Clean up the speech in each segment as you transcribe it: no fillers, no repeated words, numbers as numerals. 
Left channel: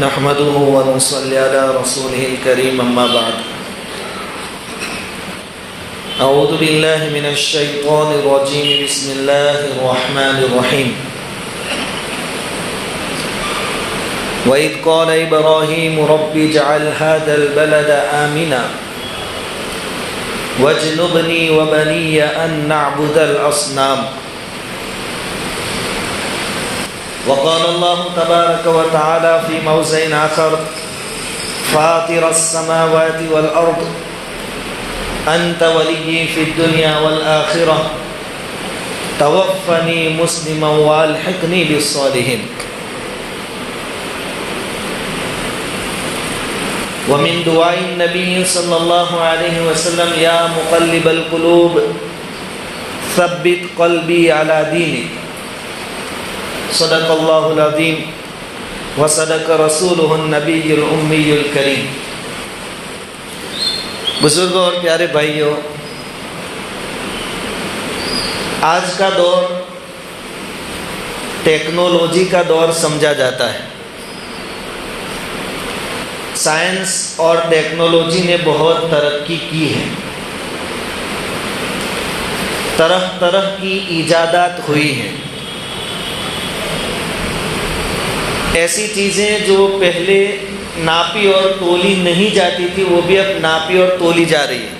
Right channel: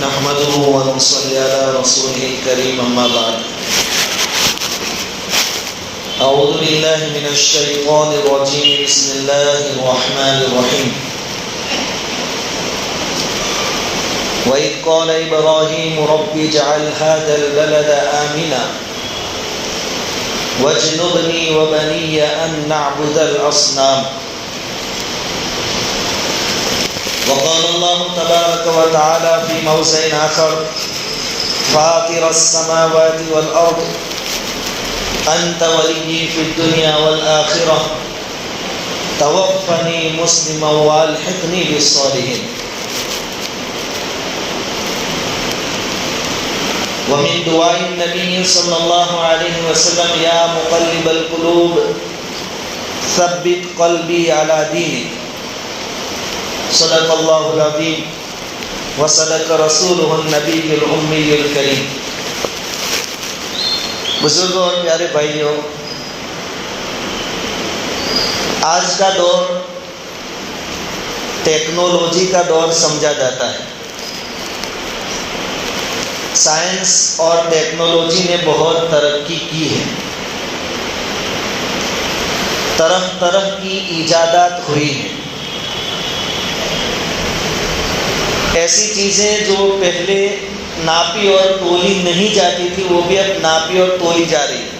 نحمده ونصلي على رسوله الكريم أما بعد أعوذ بالله من الشيطان الرجيم بسم الله الرحمن الرحيم وإذ قال إبراهيم رب اجعل هذا البلد آمنا واجنبني وبني أن نعبد الأصنام وقال الله تبارك وتعالى في موضع آخر فاطر السماوات والأرض أنت ولي في الدنيا والآخرة توفني مسلما والحقني بالصالحين. ومن دعاء النبي صلى الله عليه وسلم يا مقلب القلوب ثبت قلبي على دينك. صدق اللہ العظیم وصدق رسولہ النبی الأمی الکریم. بزرگوں اور پیارے بھائیوں، آج کا دور ٹیکنالوجی کا دور سمجھا جاتا ہے. سائنس اور ٹیکنالوجی نے بہت ترقی کی ہے. طرح طرح کی ایجادات ہوئی ہیں. ایسی چیزیں جو پہلے ناپی اور تولی نہیں جاتی تھی وہ بھی اب ناپی اور تولی جا رہی ہے.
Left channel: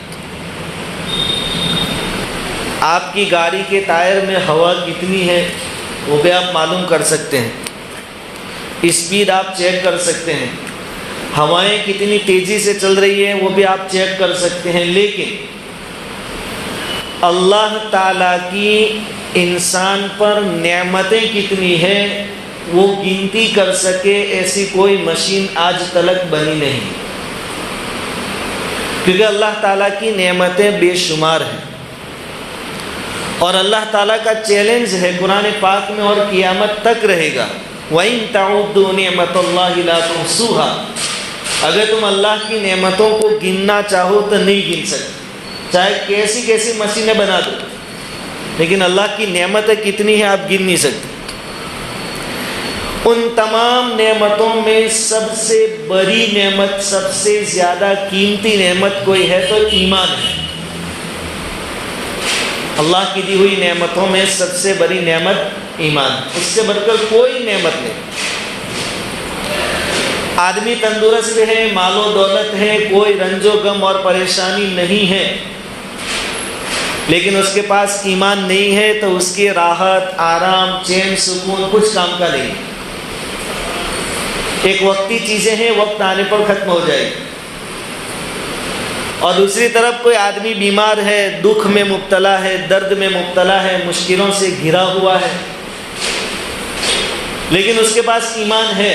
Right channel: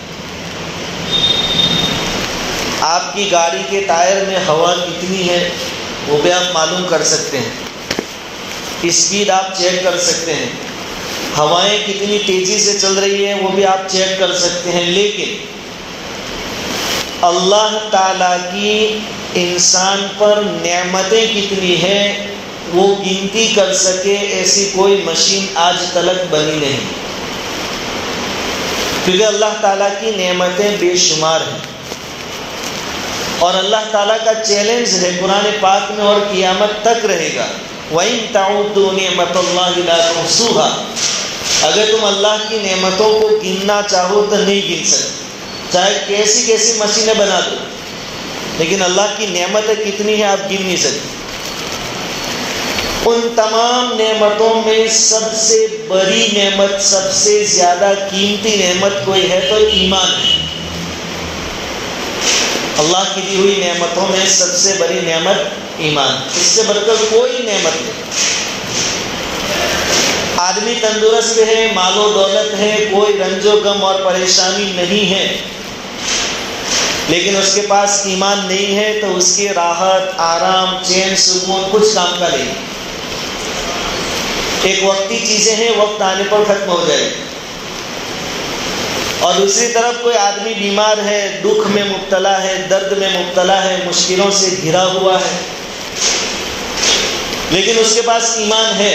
آپ کی گاڑی کے ٹائر میں ہوا کتنی ہے وہ بھی آپ معلوم کر سکتے ہیں. اسپیڈ آپ چیک کر سکتے ہیں. ہوائیں کتنی تیزی سے چل رہی ہیں وہ بھی آپ چیک کر سکتے ہیں. لیکن اللہ تعالیٰ کی انسان پر نعمتیں کتنی ہیں وہ گنتی کر سکے ایسی کوئی مشین آج تلک بنی نہیں، کیونکہ اللہ تعالیٰ کی نعمتیں بے شمار ہیں. اور اللہ تعالیٰ کا چیلنج ہے قرآن پاک میں اور قیامت تک رہے گا وَإِن تَعُدُّوا نِعْمَةَ اللَّهِ لَا تُحْصُوهَا. اگر تم اللہ کی نعمتوں کو گننا چاہو تو نہیں گن سکتے، چاہے کیسی کیسی مشینیں بنا دو، لیکن اللہ کی نعمتیں کتنی ہیں آپ گن نہیں سکتے. ان تمام نعمتوں میں سب سے بڑی نعمت، سب سے زیادہ قیمتی نعمت کوئی ہے تو ایمان ہے. اللہ کی دی ہوئی نعمتوں میں سب سے بڑی نعمت ایمان، اس سے بڑھ کر کوئی نعمت نہیں. آدمی تندرست ہے، مال و دولت ہے، کوئی رنج و غم اور پریشانی نہیں ہے، لیکن اس کے پاس ایمان نہیں ہے تو اس کی راحت، آرام، چین، سکون کچھ کام کا نہیں. ایک وقتی چیزیں ہیں، وقت آنے پر ختم ہو جائے. اور دوسری طرف کوئی آدمی بیمار ہے، دکھ میں مبتلا ہے، درد میں مبتلا ہے، مشکلوں سے گھرا ہوا ہے، لیکن اس کے پاس ایمان ہے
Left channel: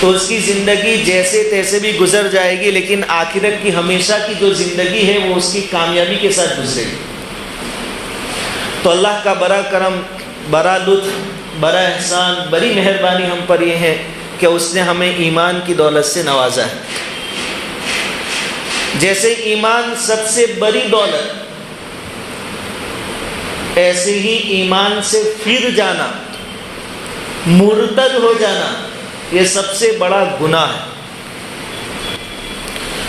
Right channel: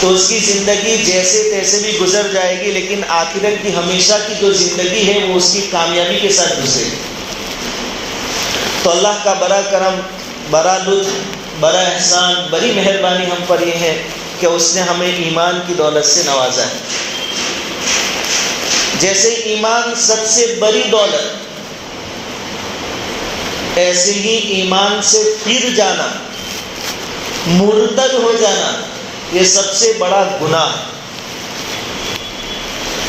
تو اس کی زندگی جیسے تیسے بھی گزر جائے گی، لیکن آخرت کی ہمیشہ کی جو زندگی ہے وہ اس کی کامیابی کے ساتھ گزرے گی. تو اللہ کا بڑا کرم، بڑا لطف، بڑا احسان، بڑی مہربانی ہم پر یہ ہے کہ اس نے ہمیں ایمان کی دولت سے نوازا ہے. جیسے ایمان سب سے بڑی دولت، ایسے ہی ایمان سے پھر جانا، مرتد ہو جانا، یہ سب سے بڑا گناہ ہے.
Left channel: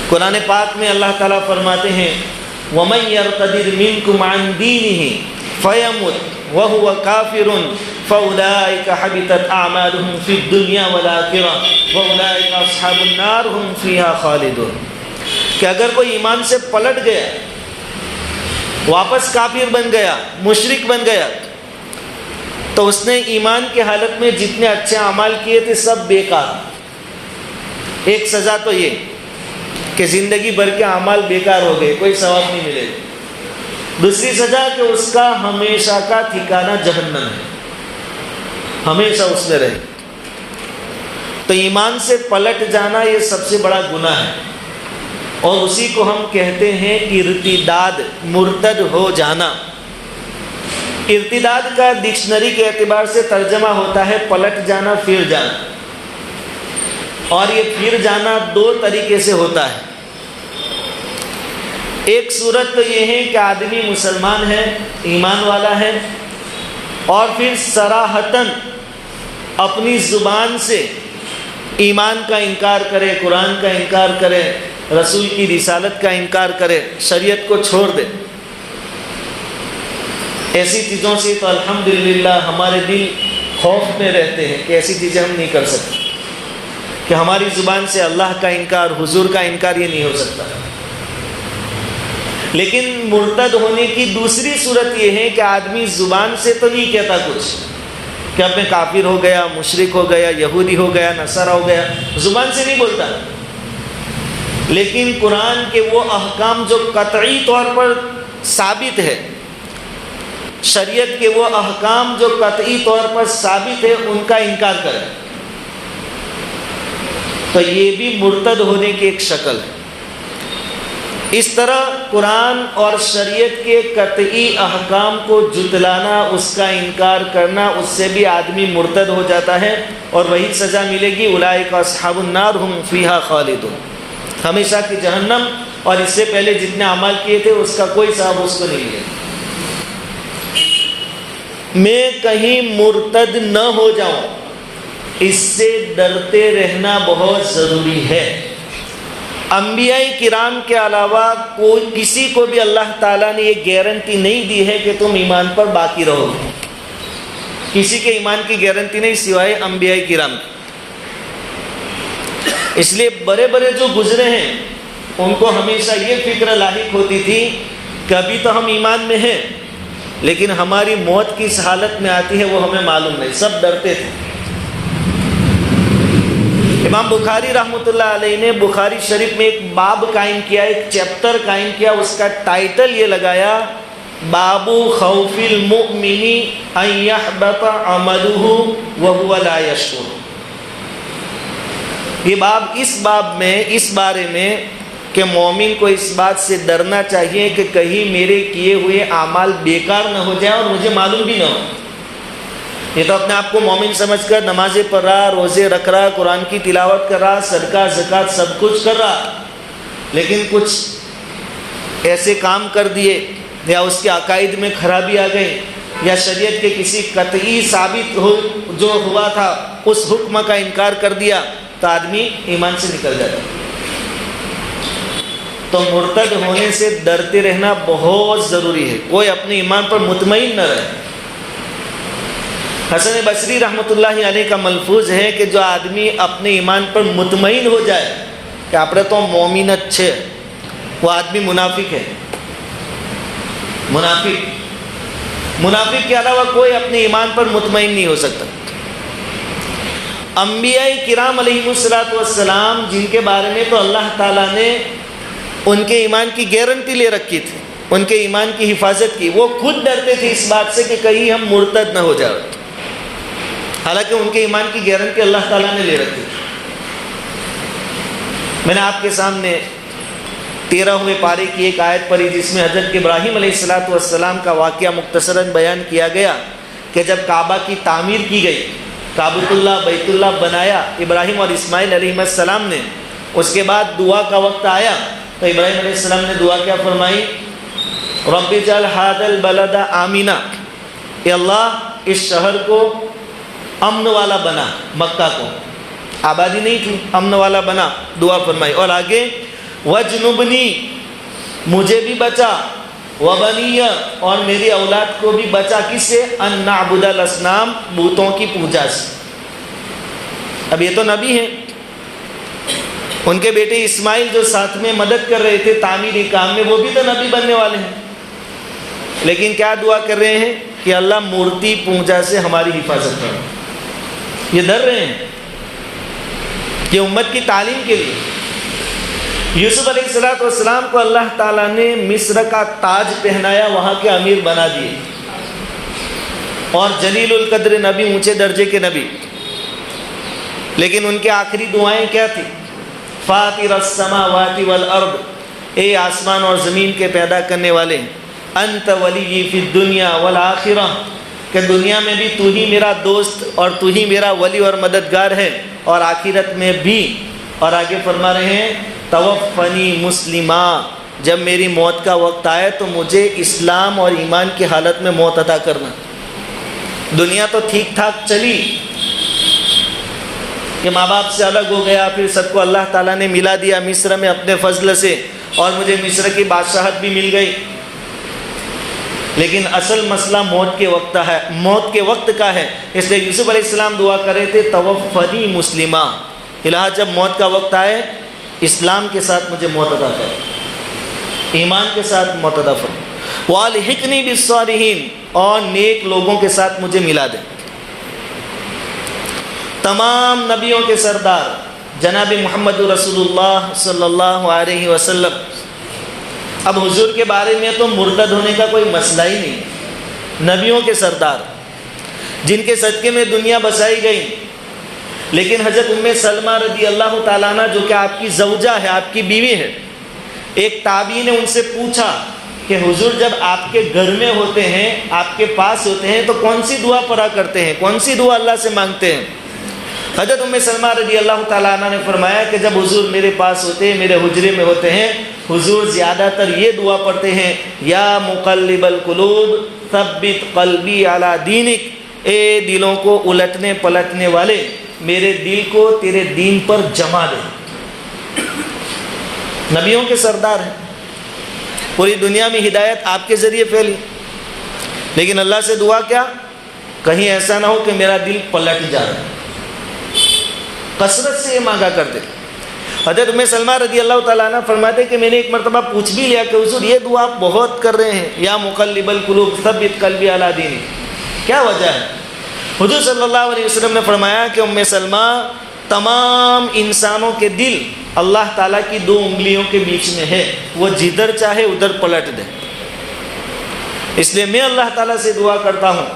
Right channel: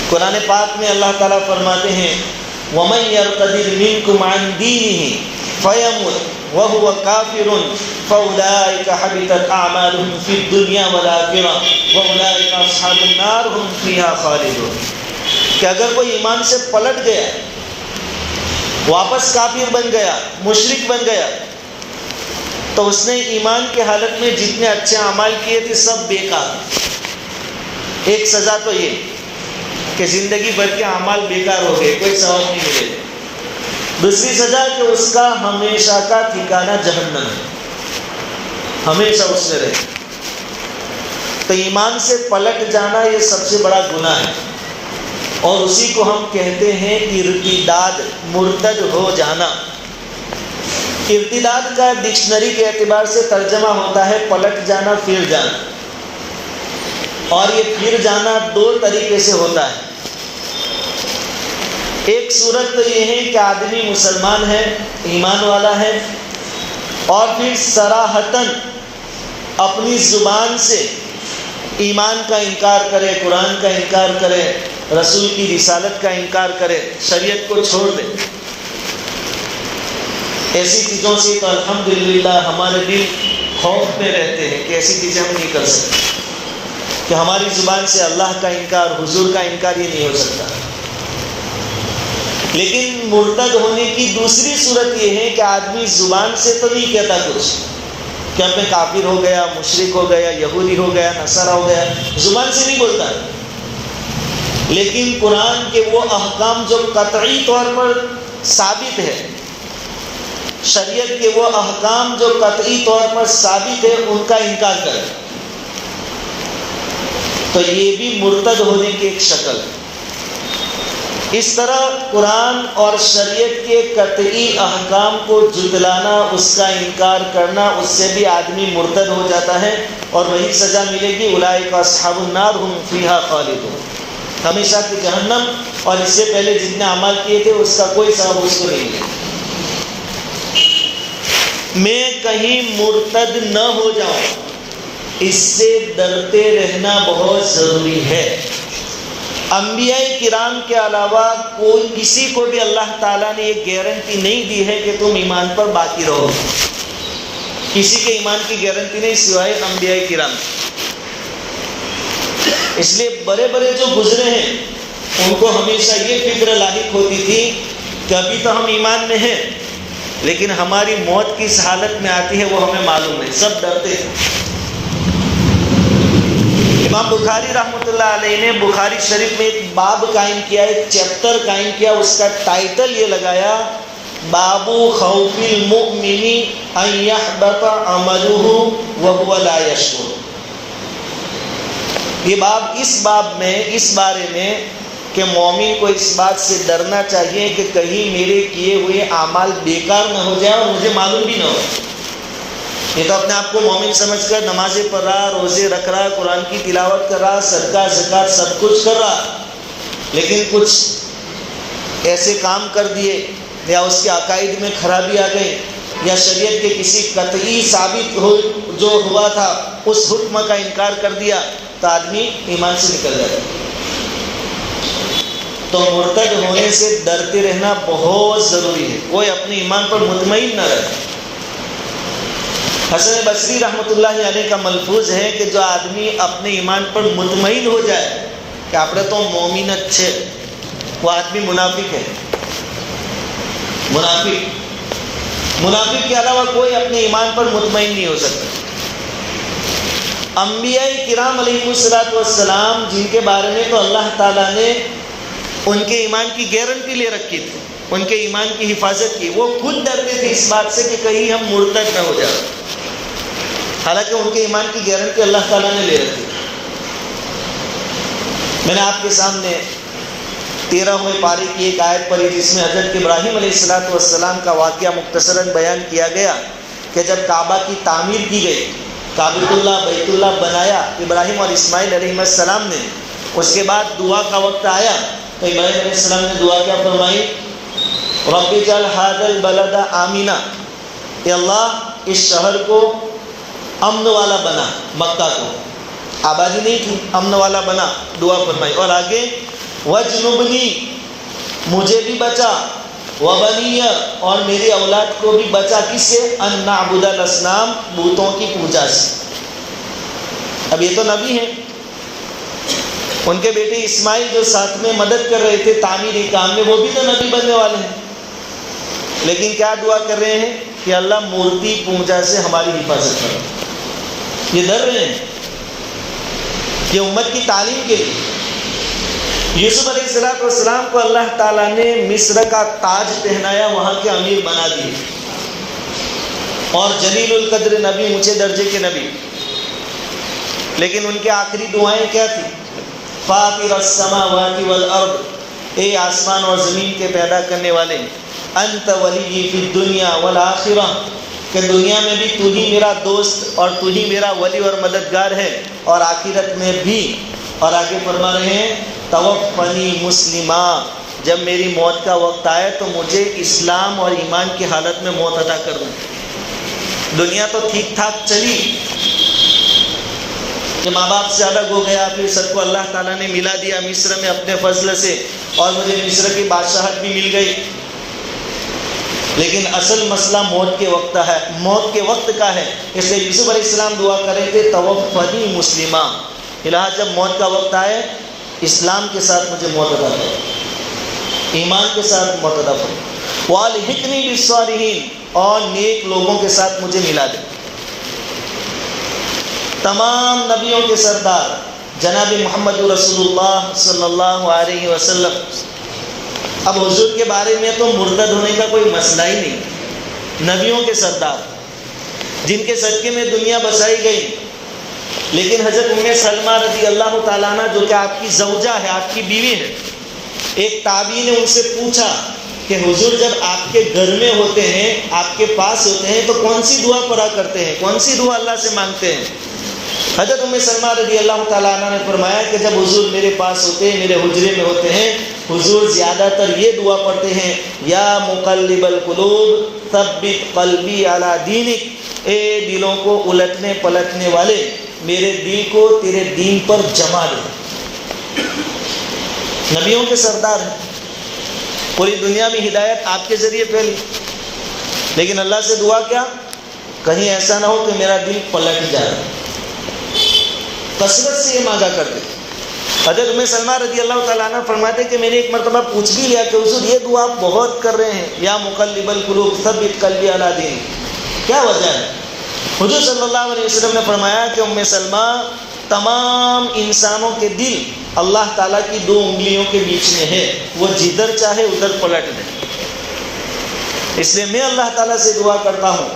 قرآن پاک میں اللہ تعالیٰ فرماتے ہیں وَمَن يَرْتَدِدْ مِنْكُمْ عَنْ دِينِهِ فَيَمُتْ وَهُوَ كَافِرٌ فَأُولَٰئِكَ حَبِطَتْ أَعْمَالُهُمْ فِي الدُّنْيَا وَالْآخِرَةِ وَأُولَٰئِكَ أَصْحَابُ النَّارِ هُمْ فِيهَا خَالِدُونَ. کہ اگر کوئی ایمان سے پلٹ گیا، واپس کافر بن گیا، مشرک بن گیا، تو اس نے ایمان کی حالت میں جتنے اچھے اعمال کیے تھے سب بیکار. ایک سزا تو یہ کہ زندگی بھر کے اعمال بیکار ہو گئے، کوئی ثواب نہیں ملے. دوسری سزا کہ اس کا ہمیشہ کا ٹھکانہ جہنم ہے، ہمیشہ اس میں رہے. تو ایمان سے پلٹ جانا یہ سب سے بڑا گناہ ہے، اور اسی کو ہم کہتے ہیں ارتداد، مرتد ہو جانا. ارتداد کا ڈکشنری کے اعتبار سے ترجمہ ہوتا ہے پلٹ جانا، پھر جانا. اور یہ پھر جانا دو طریقے سے ہوتا ہے. ایک صورت تو یہ ہے کہ آدمی مسلمان ہے، ایمان والا ہے، اور پھر صراحتاً اپنی زبان سے ایمان کا انکار کرے، قرآن کا انکار کرے، رسول کی رسالت کا انکار کرے، شریعت کو چھوڑ دے، ایسی چیزوں سے تو الحمدللہ ہمارے دل خوف میں رہتے ہیں کہ ایسی چیزیں ہم نہیں کر سکتے، کہ ہماری زبان سے اللہ کا انکار، حضور کا انکار یہ نہیں ہو سکتا۔ لیکن مرتد ہونے کی دوسری صورت یہ ہے کہ آدمی زبان سے تو نہیں کہتا کچھ کہ اب میں کافر ہو گیا، مشرک ہو گیا، یہودی ہو گیا، نصارہ ہو گیا، زبان سے نہیں بولتا، لیکن قرآن کے وہ احکام جو قطعی طور پر ثابت ہے، شریعت کے وہ احکام جو قطعی طور پر ثابت ہے، ان کا انکار کرے، تو یہ بھی مرتد ہونے کی ایک شکل ہے۔ اس طرح قرآن اور شریعت کے قطعی احکام کو جھٹلانا، اس کا انکار کرنا، اس سے بھی آدمی مرتد ہو جاتا ہے، اور وہی سزا ملے گی، اولئک اصحاب النار ہم فیہا خالدون، ہمیشہ کی جہنم، اور اس سے پہلے جتنے اعمال کیے تھے اس کا کوئی ثواب اس کو نہیں ہے۔ میں کہیں مرتد نہ ہو جاؤں، اس سے ڈرتے رہنا بہت ضروری ہے۔ انبیاء کرام کے علاوہ کوئی کسی کو بھی اللہ تعالیٰ نے یہ گارنٹی نہیں دی ہے کہ تم ایمان پر باقی رہو، کسی کے ایمان کی گارنٹی نہیں سوائے انبیاء کرام۔ اس لیے بڑے بڑے جو گزرے ہیں ان کو ہمیشہ یہ فکر لاحق ہوتی تھی کہ ابھی تو ہم ایمان میں ہیں، لیکن ہماری موت کس حالت میں آتی ہے وہ ہمیں معلوم ہے، سب ڈرتے تھے۔ امام بخاری رحمۃ اللہ علیہ نے بخاری شریف میں ایک باب قائم کیا، ایک چیپٹر قائم کیا، اس کا ٹائٹل یہ لگایا، باب خوف المؤمن ان يحبط عمله وهو لا يشعر۔ یہ باب اس باب میں اس بارے میں کہ مومن کو اس بات سے ڈرنا چاہیے کہ کہیں میرے کیے ہوئے اعمال بیکار نہ ہو جائیں اور مجھے معلوم بھی نہ ہو۔ یہ تو اپنے آپ کو مومن سمجھ کر نمازیں پڑھ رہا، روزے رکھ رہا، قرآن کی تلاوت کر رہا، صدقہ زکوٰۃ سب کچھ کر رہا، لیکن کچھ ایسے کام کر دیے یا اس کے عقائد میں خرابی آ گئی، یا شریعت کے کسی قطعی ثابت ہو جو ہوا تھا اس حکم کا انکار کر دیا، تو آدمی ایمان سے نکل جاتا۔ تو مرتد ہونے سے ڈرتے رہنا بہت ضروری ہے، کوئی اپنے ایمان پر مطمئن نہ رہے۔ حسن بصری رحمۃ اللہ علیہ کا ملفوظ ہے کہ جو آدمی اپنے ایمان پر مطمئن ہو جائے کہ اپنے تو مومن اچھے، وہ آدمی منافق ہے۔ منافق کے علاوہ کوئی اپنے ایمان پر مطمئن نہیں ہو سکتا۔ انبیاء کرام علیہ السلام جن کے بارے میں تو اللہ تعالیٰ نے ان کے ایمان کی گارنٹی لے رکھی تھی، ان کے ایمان کی حفاظت کی، وہ خود ڈرتے تھے اس بات سے کہ کہیں ہم مرتد نہ ہو جائیں، حالانکہ ان کے ایمان کی گارنٹی اللہ تعالیٰ نے لے رکھی تھی۔ میں نے آپ کے سامنے 13ویں پارے کی ایک آیت پڑھی جس میں حضرت ابراہیم علیہ السلام کا واقعہ مختصراً بیان کیا گیا کہ جب کعبہ کی تعمیر کی گئی، کعبۃ اللہ بیت اللہ بنایا ابراہیم اور اسماعیل علیہ السلام نے، اس کے بعد دعا کا وقت آیا تو ابراہیم علیہ السلام نے دعا کیا فرمائی، رب اجعل ھذا البلد آمنا، اے اللہ اس شہر کو امن والا بنا، مکہ کو آبادی نہیں تھی، امن والا بنا، دعا فرمائی، اور آگے وجنبنی، مجھے بھی بچا، وبنی، اور میری اولاد کو بھی بچا، کس سے؟ ان نعبد الاصنام، بتوں کی پوجا سے۔ اب یہ تو نبی ہیں، ان کے بیٹے اسماعیل جو ساتھ میں مدد کر رہے تھے تعمیری کام میں، وہ بھی تو نبی بننے والے ہیں، لیکن کیا دعا کر رہے ہیں کہ اللہ مورتی پوجا سے ہماری حفاظت کرو۔ یہ ڈر رہے ہیں، یہ امت کی تعلیم کے لیے۔ یوسف علیہ السلام کو اللہ تعالیٰ نے مصر کا تاج پہنایا، وہاں کے امیر بنا دیے، اور جلیل القدر نبی، اونچے درجے کے نبی، لیکن ان کے آخری دعائیں کیا تھی؟ فاطر السماوات والارض، اے آسمان اور زمین کے پیدا کرنے والے، انت ولی فی الدنیا والآخرہ، کہ دنیا میں بھی تو ہی میرا دوست اور تو ہی میرا ولی اور مددگار ہے، اور آخرت میں بھی۔ اور آگے فرما رہے ہیں توفنی مسلمہ، جب میری موت کا وقت آئے تو مجھے اسلام اور ایمان کی حالت میں موت عطا کرنا۔ دنیا تو ٹھیک ٹھاک چلی، کہ ماں باپ سے الگ ہو گیا، پھر سب کو اللہ تعالیٰ نے ملا دیا مصر میں اپنے فضل سے، اور مجھے مصر کی بادشاہت بھی مل گئی۔ لیکن اصل مسئلہ موت کے وقت ہے، موت کے وقت کا ہے۔ اس لیے یوسف علیہ السلام دعا کر رہے تھے توفنی مسلمہ، الہ جب موت کا وقت آئے اسلام کے ساتھ مجھے موت عطا کرو، ایمان کے ساتھ موت عطا کرو، والحقنی بالصالحین، اور نیک لوگوں کے ساتھ مجھے ملا دے۔ تمام نبیوں کے سردار جناب محمد رسول اللہ صلی اللہ علیہ وسلم، اب حضور کے بارے میں تو مرتد ہونے کا کوئی مسئلہ ہی نہیں، نبیوں کے سردار جن کے صدقے میں دنیا بسائی گئی۔ لیکن حضرت ام سلمہ رضی اللہ تعالیٰ عنہ جو کہ آپ کی زوجہ ہے، آپ کی بیوی ہے، ایک تابعی نے ان سے پوچھا کہ حضور جب آپ کے گھر میں ہوتے ہیں، آپ کے پاس ہوتے ہیں، تو کون سی دعا پڑھا کرتے ہیں، کون سی دعا اللہ سے مانگتے ہیں؟ حضرت ام سلمہ رضی اللہ تعالیٰ عنہ نے فرمایا کہ جب حضور میرے پاس ہوتے ہیں، میرے حجرے میں ہوتے ہیں، حضور زیادہ تر یہ دعا پڑھتے ہیں، یا مقلب القلوب ثبت قلبی علی دینک، اے دلوں کو الٹنے پلٹنے والے، میرے دل کو تیرے دین پر جما دے۔ نبیوں کے سردار ہیں، پوری دنیا میں ہدایت آپ کے ذریعے پھیلی، لیکن اللہ سے دعا کیا، کہیں ایسا نہ ہو کہ میرا دل پلٹ جائے، کثرت سے یہ مانگا کرتے۔ حضرت ام سلمہ رضی اللہ تعالیٰ عنہ فرماتے کہ میں نے ایک مرتبہ پوچھ بھی لیا کہ حضور یہ دعا آپ بہت کر رہے ہیں، یا مقلب القلوب ثبت قلبی علی دینک، کیا وجہ ہے؟ حضور صلی اللہ علیہ وسلم نے فرمایا کہ ام سلمہ، تمام انسانوں کے دل اللہ تعالیٰ کی دو انگلیوں کے بیچ میں ہے، وہ جدھر چاہے ادھر پلٹ دے۔ اس لیے میں اللہ تعالیٰ سے دعا کرتا ہوں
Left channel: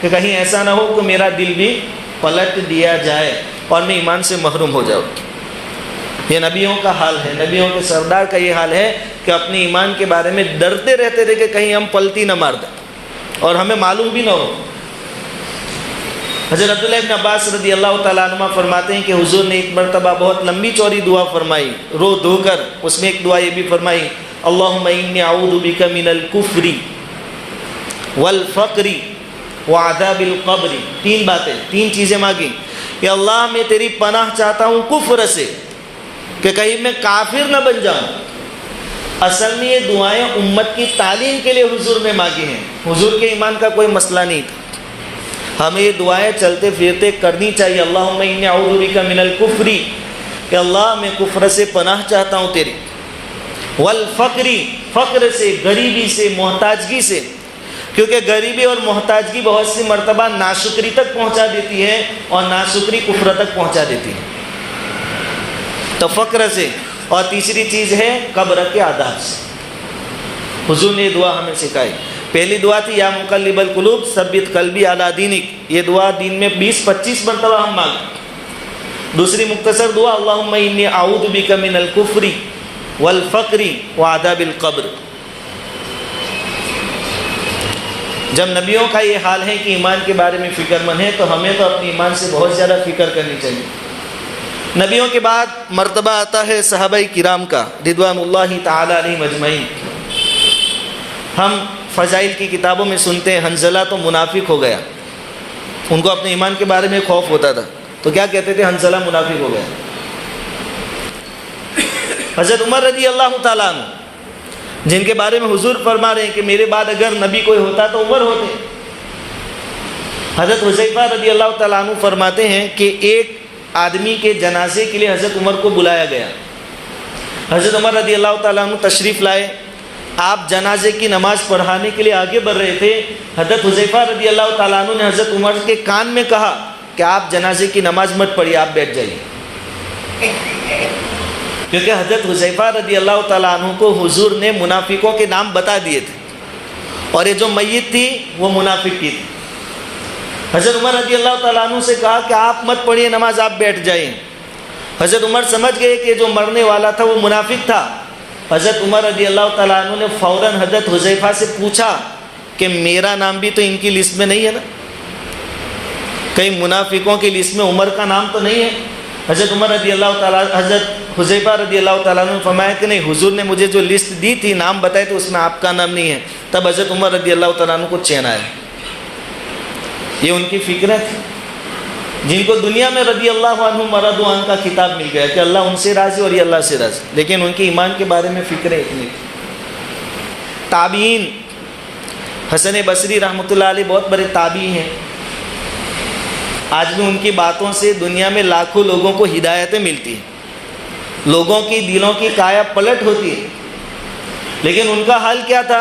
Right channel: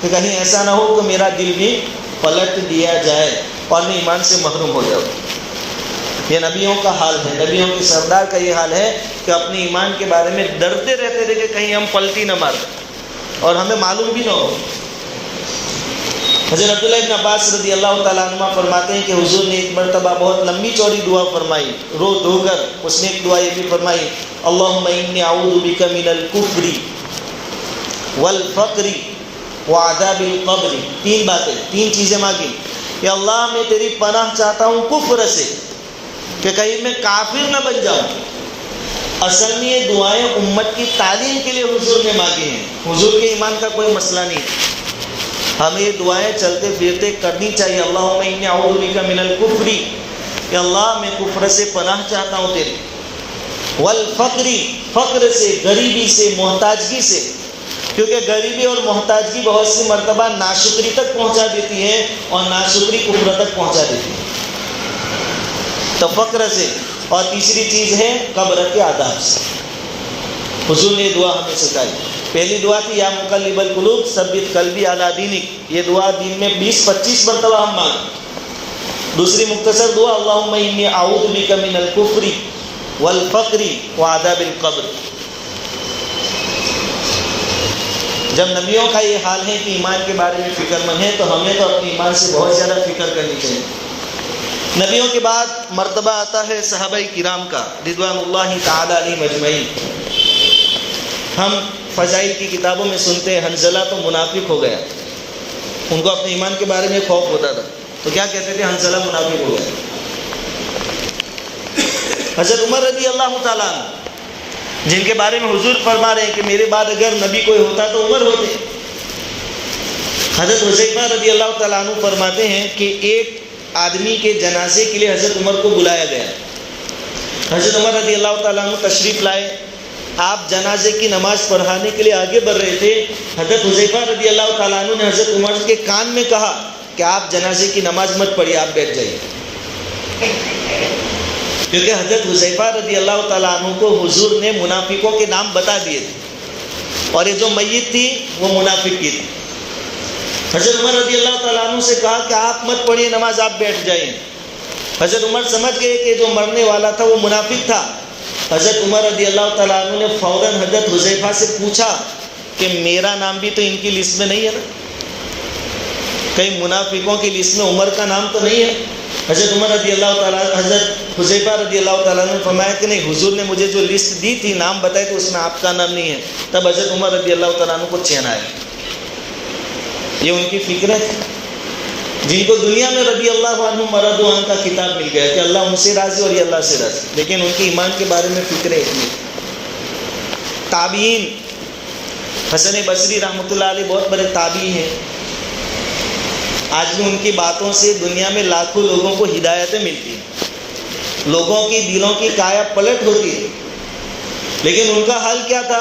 کہ کہیں ایسا نہ ہو کہ میرا دل بھی پلٹ دیا جائے اور میں ایمان سے محروم ہو جاؤں۔ یہ نبیوں کا حال ہے، نبیوں کے سردار کا یہ حال ہے کہ اپنے ایمان کے بارے میں ڈرتے رہتے تھے کہ کہیں ہم پلٹی نہ مار دیں اور ہمیں معلوم بھی نہ ہو۔ حضرت عبداللہ ابن عباس رضی اللہ تعالیٰ عنہ فرماتے ہیں کہ حضور نے ایک مرتبہ بہت لمبی چوڑی دعا فرمائی، رو دھو کر، اس میں ایک دعا یہ بھی فرمائی، اللہم انی اعوذ بک من الکفر والفقر وعذاب القبر۔ تین باتیں، تین چیزیں مانگی کہ اللہ میں تیری پناہ چاہتا ہوں کفر سے، کہ کہیں میں کافر نہ بن جاؤں۔ اصل میں یہ دعائیں امت کی تعلیم کے لیے حضور نے مانگی ہیں، حضور کے ایمان کا کوئی مسئلہ نہیں۔ ہمیں یہ دعائیں چلتے پھرتے کرنی چاہیے، اللہم انی اعوذ بک من الکفر، کہ اللہ میں کفر سے پناہ چاہتا ہوں تیری، والفقر، فقر سے، غریبی سے، محتاجگی سے، کیونکہ غریبی اور محتاجگی بہت سی مرتبہ ناشکری تک پہنچا دیتی ہے اور ناشکری کفر تک پہنچا دیتی ہے، تو فقر سے۔ اور تیسری چیز ہے قبر کے عذاب سے۔ حضور نے یہ دعا ہمیں سکھائی۔ پہلی دعا تھی یا مقلب القلوب ثبت قلبی علی دینک، یہ دعا دن میں 20-25 مرتبہ ہم مانگیں۔ دوسری مختصر دعا اللہم انی اعوذ بک من الکفر والفقر وعذاب القبر۔ جب نبیوں کا یہ حال ہے کہ ایمان کے بارے میں فکر مند ہے، تو ہمیں تو اپنے ایمان سے بہت زیادہ فکر کرنی چاہیے۔ نبیوں کے بعد مرتبہ آتا ہے صحابہ کرام کا رضوان اللہ تعالی علیہم اجمعین۔ ہم فضائل کی کتابوں میں سنتے ہیں حنظلہ تو منافق ہو گیا، ان کو اپنے ایمان کے بارے میں خوف ہوتا تھا، تو کیا کہتے تھے؟ حنظلہ منافق ہو گیا۔ حضرت عمر رضی اللہ تعالیٰ عنہ، جن کے بارے میں حضور فرما رہے ہیں کہ میرے بعد اگر نبی کوئی ہوتا تو عمر ہوتے۔ حضرت حذیفہ رضی اللہ تعالیٰ عنہ فرماتے ہیں کہ ایک آدمی کے جنازے کے لیے حضرت عمر کو بلایا گیا۔ حضرت عمر رضی اللہ تعالیٰ عنہ تشریف لائے، آپ جنازے کی نماز پڑھانے کے لیے آگے بڑھ رہے تھے۔ حضرت حذیفہ رضی اللہ تعالیٰ عنہ نے حضرت عمر کے کان میں کہا کہ آپ جنازے کی نماز مت پڑھیے، آپ بیٹھ جائیے، کیونکہ حضرت حذیفہ رضی اللہ تعالیٰ عنہ کو حضور نے منافقوں کے نام بتا دیے تھے، اور یہ جو میت تھی وہ منافق کی تھی۔ حضرت عمر رضی اللہ تعالیٰ عنہ سے کہا کہ آپ مت پڑھیے نماز، آپ بیٹھ جائیں۔ حضرت عمر سمجھ گئے کہ جو مرنے والا تھا وہ منافق تھا۔ حضرت عمر رضی اللہ تعالیٰ عنہ نے فوراً حضرت حذیفہ سے پوچھا کہ میرا نام بھی تو ان کی لسٹ میں نہیں ہے نا، کہیں منافقوں کی لسٹ میں عمر کا نام تو نہیں ہے؟ حضرت عمر رضی اللہ تعالیٰ حضرت حذیفہ رضی اللہ تعالیٰ عنہ نے فرمایا کہ نہیں، حضور نے مجھے جو لسٹ دی تھی، نام بتائے تو اس میں آپ کا نام نہیں ہے۔ تب حضرت عمر رضی اللہ تعالیٰ عنہ کو چین آیا، یہ ان کی فکر ہے۔ جن کو دنیا میں رضی اللہ عنہ مرضوا عنہ کا خطاب مل گیا کہ اللہ ان سے راضی اور یہ اللہ سے راضی، لیکن ان کے ایمان کے بارے میں فکر ہے اتنی۔ تابعین، حسن بصری رحمۃ اللہ علیہ بہت بڑے تابعی ہیں، آج بھی ان کی باتوں سے دنیا میں لاکھوں لوگوں کو ہدایتیں ملتی ہیں، لوگوں کی دلوں کی کایا پلٹ ہوتی ہے۔ لیکن ان کا حال کیا تھا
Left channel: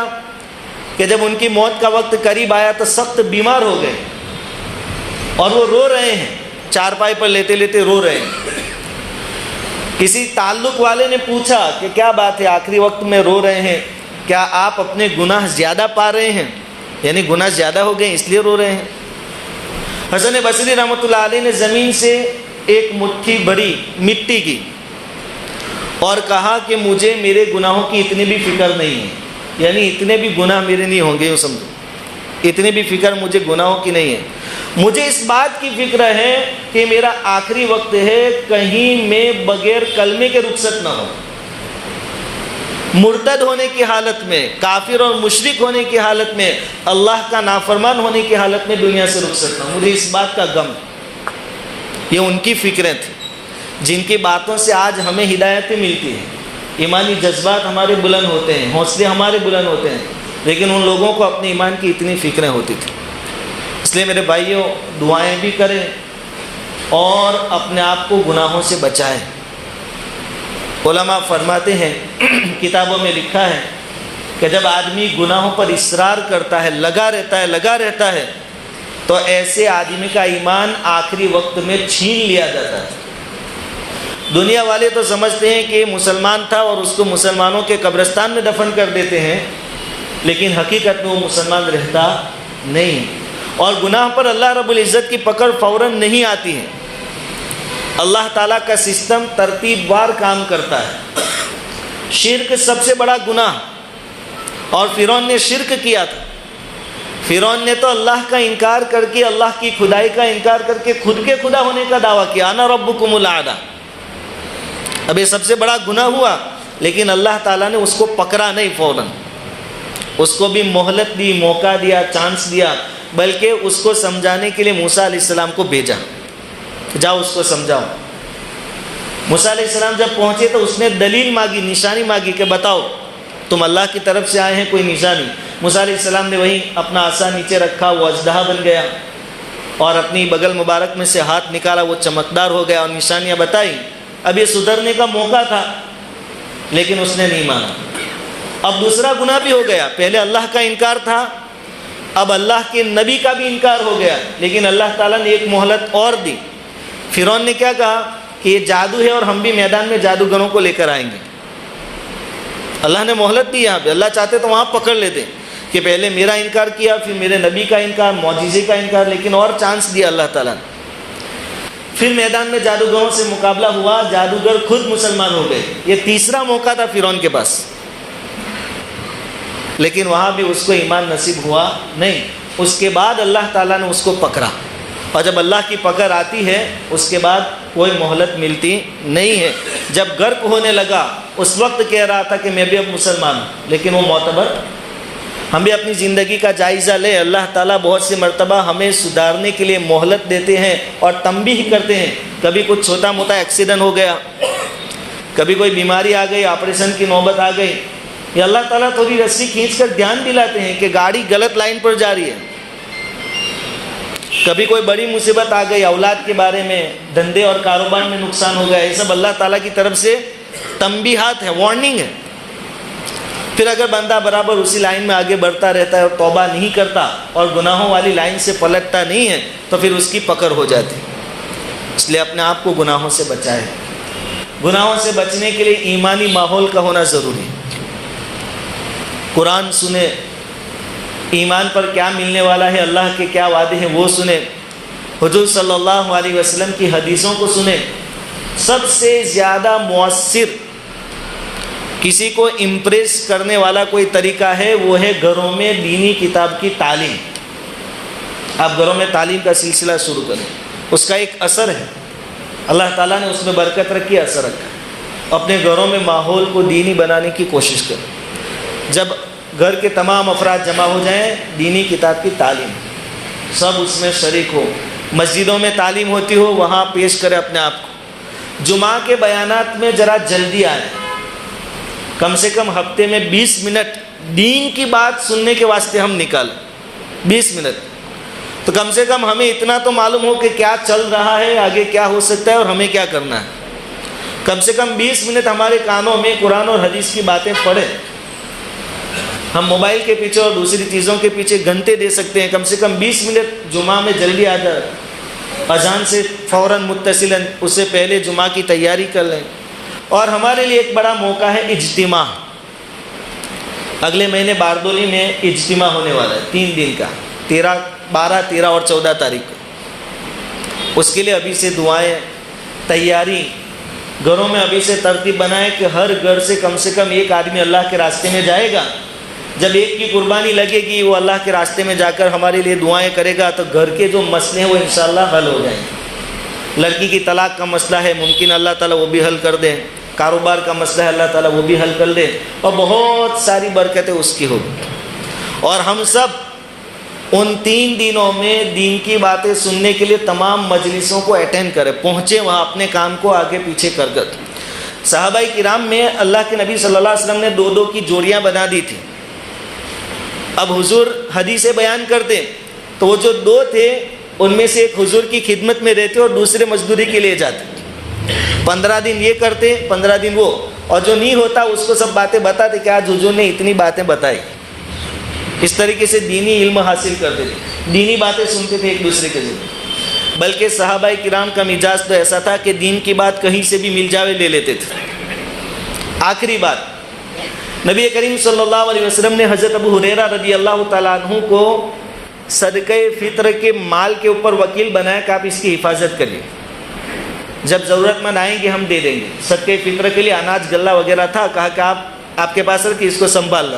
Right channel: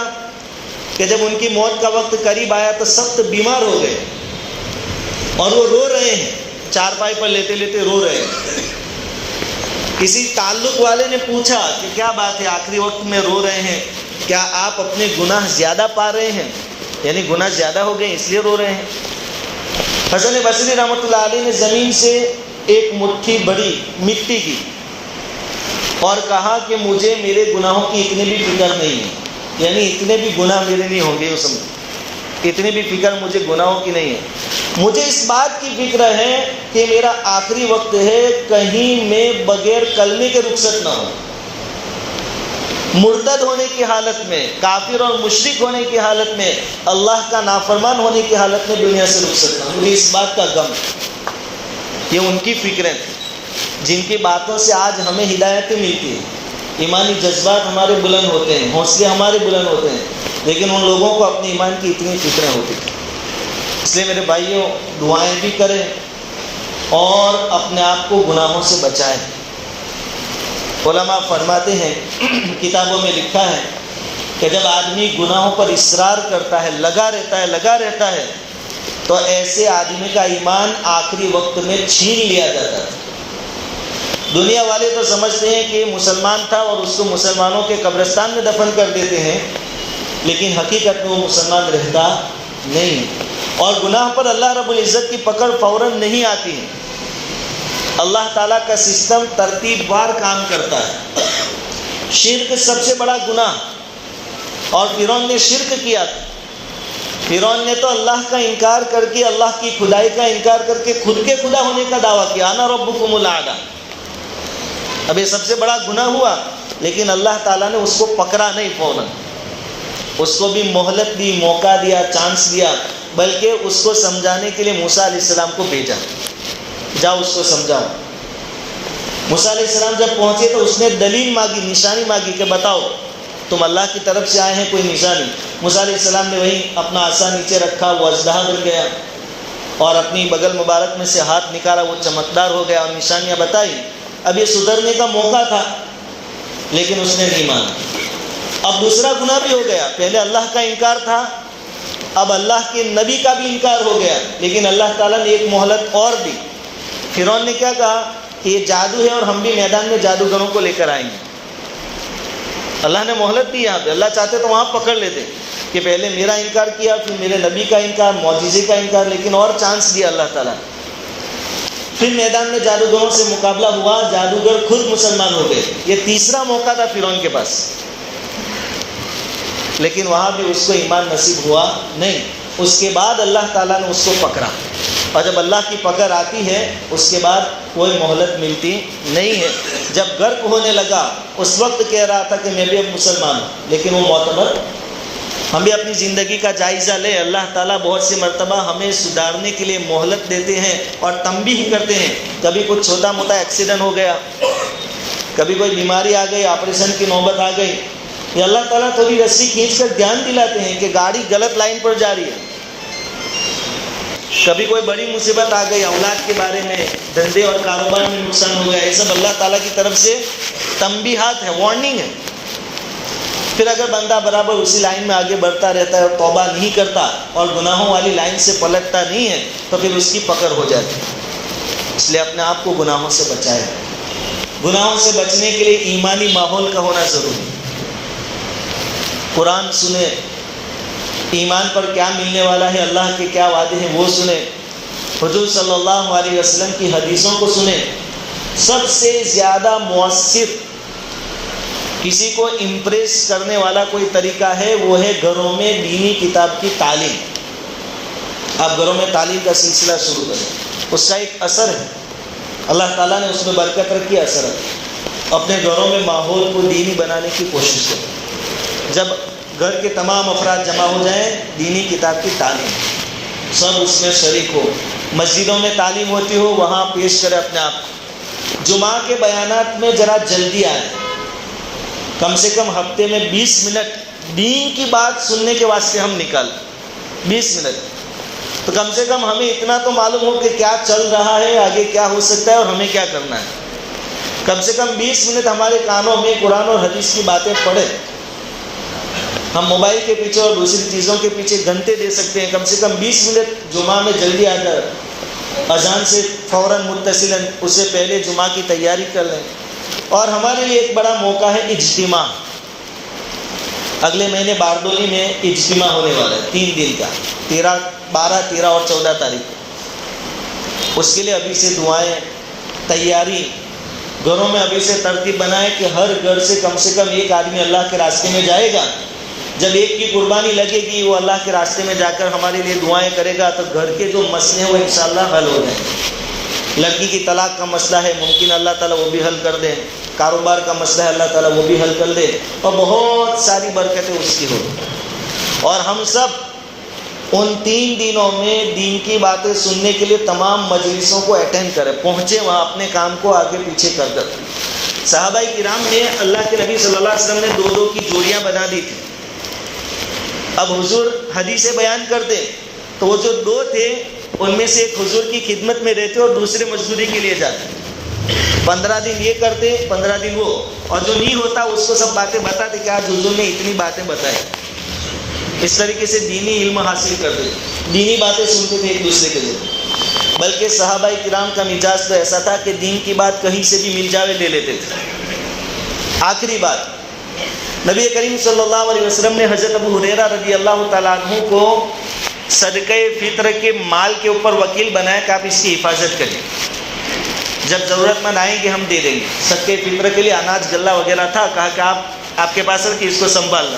کہ جب ان کی موت کا وقت قریب آیا تو سخت بیمار ہو گئے اور وہ رو رہے ہیں، چارپائی پر لیتے لیتے رو رہے ہیں۔ کسی تعلق والے نے پوچھا کہ کیا بات ہے، آخری وقت میں رو رہے ہیں، کیا آپ اپنے گناہ زیادہ پا رہے ہیں، یعنی گناہ زیادہ ہو گئے اس لیے رو رہے ہیں؟ حسن بصری رحمۃ اللہ علیہ نے زمین سے ایک مٹھی بڑی مٹی کی اور کہا کہ مجھے میرے گناہوں کی اتنی بھی فکر نہیں ہے، یعنی اتنے بھی گناہ میرے نہیں ہوں گے، اتنی بھی فکر مجھے گناہوں کی نہیں ہے، مجھے اس بات کی فکر ہے کہ میرا آخری وقت ہے، کہیں میں بغیر کلمے کے رخصت نہ ہو، مرتد ہونے کی حالت میں، کافر اور مشرک ہونے کی حالت میں، اللہ کا نافرمان ہونے کی حالت میں دنیا سے رخصت نہ ہو، مجھے اس بات کا غم ہے۔ یہ ان کی فکریں تھیں جن کی باتوں سے آج ہمیں ہدایتیں ملتی ہیں، ایمانی جذبات ہمارے بلند ہوتے ہیں، حوصلے ہمارے بلند ہوتے ہیں، لیکن ان لوگوں کو اپنے ایمان کی اتنی فکریں ہوتی تھیں۔ اس لیے میرے بھائیوں، دعائیں بھی کریں اور اپنے آپ کو گناہوں سے بچائیں۔ علماء فرماتے ہیں، کتابوں میں لکھا ہے کہ جب آدمی گناہوں پر اصرار کرتا ہے، لگا رہتا ہے تو ایسے آدمی کا ایمان آخری وقت میں چھین لیا جاتا ہے۔ دنیا والے تو سمجھتے ہیں کہ مسلمان تھا اور اس کو مسلمانوں کے قبرستان میں دفن کر دیتے ہیں، لیکن حقیقت میں وہ مسلمان رہتا نہیں ہے، اور گناہ پر اللہ رب العزت کی پکڑ فوراً نہیں آتی ہے۔ اللہ تعالیٰ کا سسٹم ترتیب وار کام کرتا ہے۔ شرک سب سے بڑا گناہ، اور فرعون نے شرک کیا تھا۔ فرعون نے تو اللہ کا انکار کر کے، اللہ کی خدائی کا انکار کر کے خود کے خدا ہونے کا دعویٰ کیا، انا ربکم الاعلی۔ اب یہ سب سے بڑا گناہ ہوا، لیکن اللہ تعالیٰ نے اس کو پکڑا نہیں فوراً، اس کو بھی مہلت دی، موقع دیا، چانس دیا، بلکہ اس کو سمجھانے کے لیے موسیٰ علیہ السلام کو بھیجا، جاؤ اس کو سمجھاؤ۔ موسیٰ علیہ السلام جب پہنچے تو اس نے دلیل مانگی، نشانی مانگی کہ بتاؤ تم اللہ کی طرف سے آئے ہیں، کوئی نشانی۔ موسیٰ علیہ السلام نے وہی اپنا عصا نیچے رکھا، وہ اژدہا بن گیا، اور اپنی بغل مبارک میں سے ہاتھ نکالا، وہ چمکدار ہو گیا اور نشانیاں بتائی۔ اب یہ سدھرنے کا موقع تھا، لیکن اس نے نہیں مانا۔ اب دوسرا گناہ بھی ہو گیا، پہلے اللہ کا انکار تھا، اب اللہ کے نبی کا بھی انکار ہو گیا، لیکن اللہ تعالیٰ نے ایک مہلت اور دی۔ فرعون نے کیا کہا کہ یہ جادو ہے اور ہم بھی میدان میں جادوگروں کو لے کر آئیں گے۔ اللہ نے مہلت دی یہاں پہ، اللہ چاہتے تو وہاں پکڑ لیتے کہ پہلے میرا انکار کیا، پھر میرے نبی کا انکار، معجزے کا انکار، لیکن اور چانس دیا اللہ تعالیٰ نے۔ پھر میدان میں جادوگروں سے مقابلہ ہوا، جادوگر خود مسلمان ہو گئے۔ یہ تیسرا موقع تھا فرعون کے پاس، لیکن وہاں بھی اس کو ایمان نصیب ہوا نہیں۔ اس کے بعد اللہ تعالیٰ نے اس کو پکڑا، اور جب اللہ کی پکڑ آتی ہے اس کے بعد کوئی مہلت ملتی نہیں ہے۔ جب غرق ہونے لگا اس وقت کہہ رہا تھا کہ میں بھی اب مسلمان ہوں، لیکن وہ معتبر۔ ہم بھی اپنی زندگی کا جائزہ لیں، اللہ تعالیٰ بہت سی مرتبہ ہمیں سدھارنے کے لیے مہلت دیتے ہیں اور تنبیہ کرتے ہیں۔ کبھی کچھ چھوٹا موٹا ایکسیڈنٹ ہو گیا، کبھی کوئی بیماری آ گئی، آپریشن کی نوبت آ گئی، یا اللہ تعالیٰ تھوڑی رسی کھینچ کر دھیان دلاتے ہیں کہ گاڑی غلط لائن پر جا رہی ہے۔ کبھی کوئی بڑی مصیبت آ گئی، اولاد کے بارے میں، دھندے اور کاروبار میں نقصان ہو گیا، یہ سب اللہ تعالیٰ کی طرف سے تنبیہات ہے، وارننگ ہے۔ پھر اگر بندہ برابر اسی لائن میں آگے بڑھتا رہتا ہے اور توبہ نہیں کرتا اور گناہوں والی لائن سے پلٹتا نہیں ہے تو پھر اس کی پکڑ ہو جاتی ہے۔ اس لیے اپنے آپ کو گناہوں سے بچائے۔ گناہوں سے بچنے کے لیے ایمانی ماحول کا ہونا ضروری ہے۔ قرآن سنیں، ایمان پر کیا ملنے والا ہے، اللہ کے کیا وعدے ہیں وہ سنیں، حضور صلی اللہ علیہ وسلم کی حدیثوں کو سنیں۔ سب سے زیادہ مؤثر، کسی کو امپریس کرنے والا کوئی طریقہ ہے، وہ ہے گھروں میں دینی کتاب کی تعلیم۔ آپ گھروں میں تعلیم کا سلسلہ شروع کریں، اس کا ایک اثر ہے، اللہ تعالیٰ نے اس میں برکت رکھی، اثر رکھا۔ اپنے گھروں میں ماحول کو دینی بنانے کی کوشش کریں۔ جب گھر کے تمام افراد جمع ہو جائیں، دینی کتاب کی تعلیم، سب اس میں شریک ہو، مسجدوں میں تعلیم ہوتی ہو وہاں پیش کرے اپنے آپ. جمعہ کے بیانات میں ذرا جلدی آئے. کم سے کم ہفتے میں 20 منٹ دین کی بات سننے کے واسطے ہم نکال. 20 منٹ تو کم سے کم ہمیں اتنا تو معلوم ہو کہ کیا چل رہا ہے, آگے کیا ہو سکتا ہے اور ہمیں کیا کرنا ہے. کم سے کم 20 منٹ ہمارے کانوں میں قرآن اور حدیث کی باتیں پڑھیں. ہم موبائل کے پیچھے اور دوسری چیزوں کے پیچھے گھنٹے دے سکتے ہیں. کم سے کم 20 منٹ جمعہ میں جلدی آ جائے, اذان سے فوراً متصلاً اس سے پہلے جمعہ کی تیاری کر لیں. اور ہمارے لیے ایک بڑا موقع ہے اجتماع. اگلے مہینے باردولی میں اجتماع ہونے والا ہے 3 دن کا, 12, 13 اور 14 تاریخ کو. اس کے لیے ابھی سے دعائیں, تیاری, گھروں میں ابھی سے ترتیب بنائیں کہ ہر گھر سے کم ایک آدمی اللہ کے راستے میں جائے گا. جب ایک کی قربانی لگے گی, وہ اللہ کے راستے میں جا کر ہمارے لیے دعائیں کرے گا, تو گھر کے جو مسئلے ہیں وہ انشاءاللہ حل ہو جائیں گے. لڑکی کی طلاق کا مسئلہ ہے, ممکن اللہ تعالیٰ وہ بھی حل کر دے. کاروبار کا مسئلہ ہے, اللہ تعالیٰ وہ بھی حل کر دے, اور بہت ساری برکتیں اس کی ہو. اور ہم سب ان 3 دنوں میں دین کی باتیں سننے کے لیے تمام مجلسوں کو اٹینڈ کریں, پہنچے وہاں, اپنے کام کو آگے پیچھے کر کر. صحابہ کرام نے اللہ کے نبی صلی اللہ علیہ وسلم نے 2 کی جوڑیاں بنا دی تھی. اب حضور حدیثیں بیان کرتے تو وہ جو 2 تھے ان میں سے ایک حضور کی خدمت میں رہتے اور دوسرے مزدوری کے لیے جاتے. 15 دن یہ کرتے, 15 دن وہ, اور جو نہیں ہوتا اس کو سب باتیں بتاتے کہ آج حضور نے اتنی باتیں بتائی. اس طریقے سے دینی علم حاصل کرتے, دینی باتیں سنتے تھے ایک دوسرے کے لیے. بلکہ صحابہ کرام کا مزاج تو ایسا تھا کہ دین کی بات کہیں سے بھی مل جاوے لے لیتے تھے. آخری بات, نبی کریم صلی اللہ علیہ وسلم نے حضرت ابو ہریرہ رضی اللہ تعالیٰ عنہ کو صدقہ فطر کے مال کے اوپر وکیل بنایا کہ آپ اس کی حفاظت کریے, جب ضرورت مند آئیں گے ہم دے دیں گے. صدقہ فطر کے لیے اناج غلہ وغیرہ تھا, کہا کہ آپ کے پاس رکھیے, اس کو سنبھالنا.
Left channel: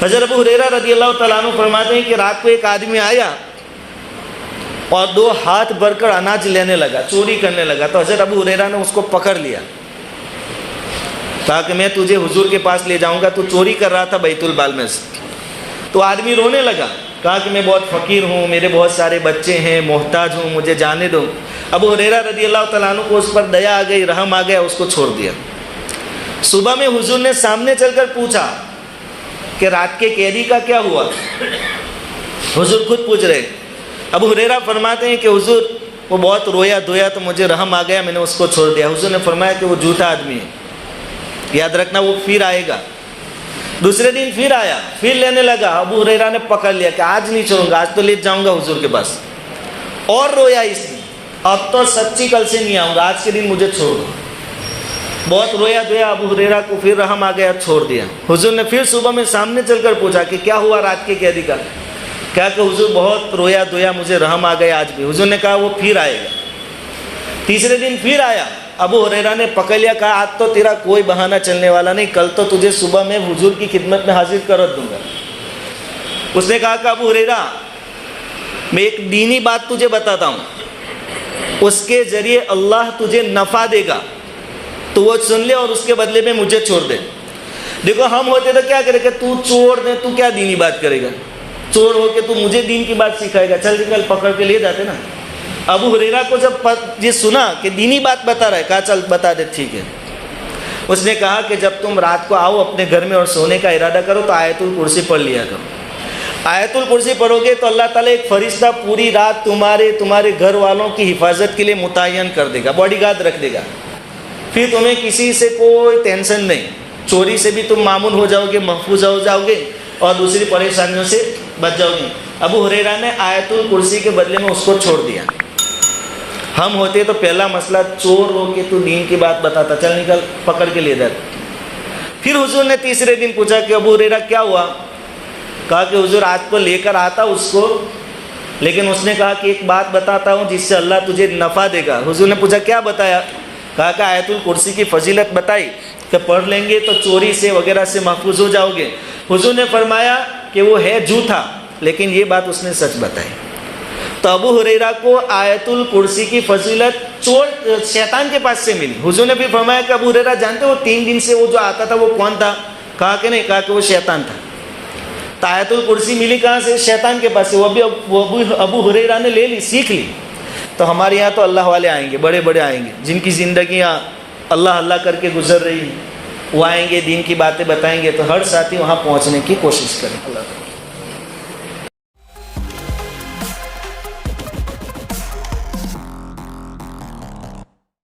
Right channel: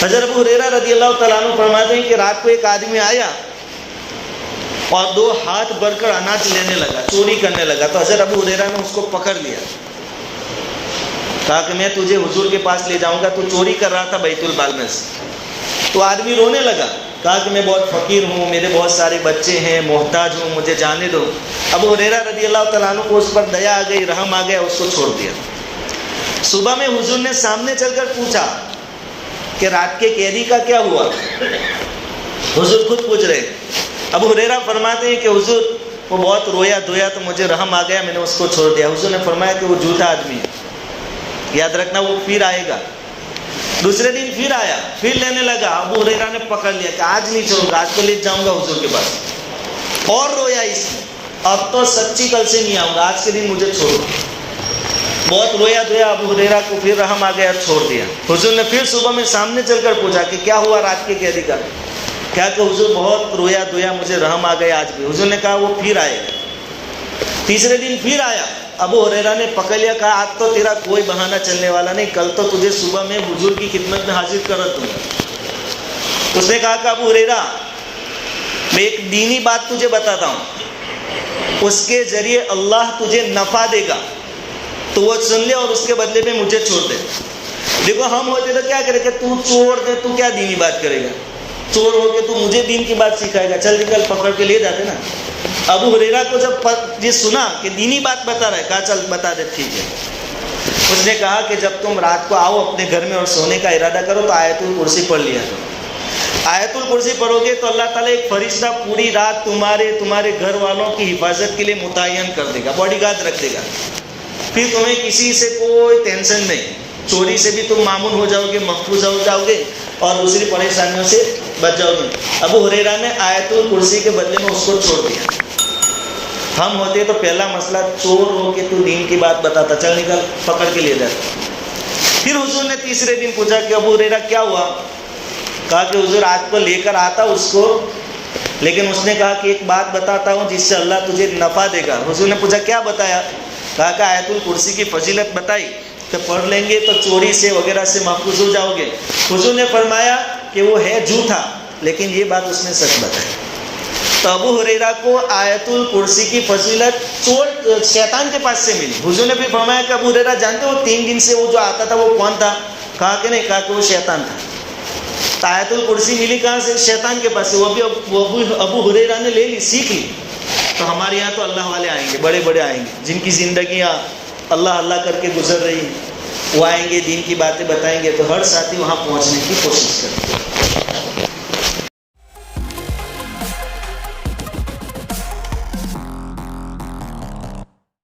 حضرت ابو ہریرہ رضی اللہ تعالیٰ عنہ فرماتے ہیں کہ رات کو ایک آدمی آیا اور 2 ہاتھ بھر کر اناج لینے لگا, چوری کرنے لگا. تو حضرت ابو ہریرہ نے اس کو پکڑ لیا, کہا کہ میں تجھے حضور کے پاس لے جاؤں گا, تو چوری کر رہا تھا بیت المال میں سے. تو آدمی رونے لگا, کہا کہ میں بہت فقیر ہوں, میرے بہت سارے بچے ہیں, محتاج ہوں, مجھے جانے دو. ابو ہریرہ رضی اللہ تعالیٰ عنہ کو اس پر دیا آ گئی, رحم آ گیا, اس کو چھوڑ دیا. صبح میں حضور نے سامنے چل کر پوچھا کہ رات کے قیدی کا کیا ہوا. حضور خود پوچھ رہے. ابو ہریرہ فرماتے ہیں کہ حضور وہ بہت رویا دھویا تو مجھے رحم آ گیا, میں نے اس کو چھوڑ دیا. حضور نے فرمایا کہ وہ جھوٹا آدمی ہے, یاد رکھنا وہ پھر آئے گا. دوسرے دن پھر آیا, پھر لینے لگا. ابو ہریرہ نے پکڑ لیا کہ آج نہیں چھوڑوں گا, آج تو لے جاؤں گا حضور کے پاس. اور رویا اس نے, اب تو سچی کل سے نہیں آؤں گا, آج کے دن مجھے چھوڑ. بہت رویا دھویا, ابو ہریرہ کو پھر رحم آ گیا, چھوڑ دیا. حضور نے پھر صبح میں سامنے چل کر پوچھا کہ کیا ہوا رات کے قیدی کا. کہا کہ حضور بہت رویا دھویا, مجھے رحم آ گیا آج بھی. حضور نے کہا وہ پھر آئے گا. تیسرے دن پھر آیا. ابو ہریرہ نے پکڑ لیا, کہا آج تو تیرا کوئی بہانہ چلنے والا نہیں, کل تو تجھے صبح میں حضور کی خدمت میں حاضر کر دوں گا. اس نے کہا کہ ابو ہریرہ میں ایک دینی بات تجھے بتاتا ہوں, اس کے ذریعے اللہ تجھے نفع دے گا, تو وہ سن لے اور اس کے بدلے میں مجھے چھوڑ دے. دیکھو ہم ہوتے تو کیا کرے کہ تو چھوڑ دے, تو کیا دینی بات کرے گا, چور ہو کے تو مجھے دین کی بات سکھائے گا, چل نکل, پکڑ کے لے جاتے نا. ابو ہریرہ کو جب یہ سنا کہ دینی بات بتا رہا ہے, کہا چل بتا دے, ٹھیک ہے. اس نے کہا کہ جب تم رات کو آؤ اپنے گھر میں اور سونے کا ارادہ کرو تو آیت الکرسی پڑھ لیا کرو. آیت الکرسی پڑھو گے تو اللہ تعالیٰ ایک فرشتہ پوری رات تمہارے گھر والوں کی حفاظت کے لیے متعین کر دے گا, باڈی گارڈ رکھ دے گا. پھر تمہیں کسی سے کوئی ٹینشن نہیں, چوری سے بھی تم معمون ہو جاؤ گے, محفوظ ہو جاؤ گے, اور دوسری پریشانیوں سے بچ جاؤ گے. ابو ہریرہ نے آیت الکرسی کے بدلے میں اس کو چھوڑ دیا. ہم ہوتے تو پہلا مسئلہ, چور ہو کے تو دین کی بات بتاتا, چل نکل, پکڑ کے لے جاتا. پھر حضور نے تیسرے دن پوچھا کہ ابو ہریرہ کیا ہوا. کہا کہ حضور آج کو لے کر آتا اس کو, لیکن اس نے کہا کہ ایک بات بتاتا ہوں جس سے اللہ تجھے نفع دے گا. حضور نے پوچھا کیا بتایا. کہا کہ آیت الکرسی کی فضیلت بتائی کہ پڑھ لیں گے تو چوری سے وغیرہ سے محفوظ ہو جاؤ گے. حضور نے فرمایا کہ وہ ہے جھوٹا, لیکن یہ بات اس نے سچ بتائی. تو ابو ہریرہ کو آیت الکرسی کی فضیلت شیطان کے پاس سے ملی. حضور نے بھی فرمایا کہ ابو ہریرہ جانتے ہو 3 دن سے وہ جو آتا تھا وہ کون تھا. کہا کہ نہیں, کہا کہ وہ شیطان تھا. آیت الکرسی ملی کہاں سے؟ شیطان کے پاس سے، وہ بھی ابو ہریرہ نے لے لی، سیکھ لی۔ تو ہمارے یہاں تو اللہ والے آئیں گے، بڑے بڑے آئیں گے، جن کی زندگیاں اللہ اللہ کر کے گزر رہی ہیں، وہ آئیں گے، دین کی باتیں بتائیں گے، تو ہر ساتھی وہاں پہنچنے کی کوشش کرے گا۔